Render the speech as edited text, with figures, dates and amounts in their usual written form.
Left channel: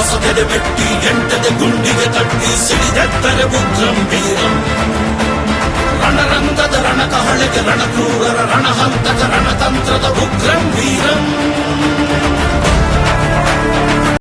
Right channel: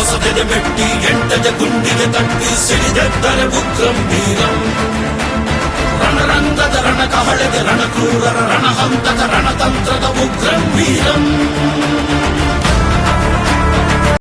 ಶ್ವಾಸ ಬೆದೆಮೆಟ್ಟಿ ಎಂಟದ ಗುಂಡಿಗೆ ತಟ್ಟಿ ಸಿಡಿದೆತ್ತರೆ ಉಗ್ರಂ ವೀರಂ ರಣರಂಗದ ರಣಕಹಳೆಗೆ ರಣಕ್ರೂರರ ರಣಹಂತಕ ರಣತಂತ್ರದ ಉಗ್ರಂ ವೀರಂ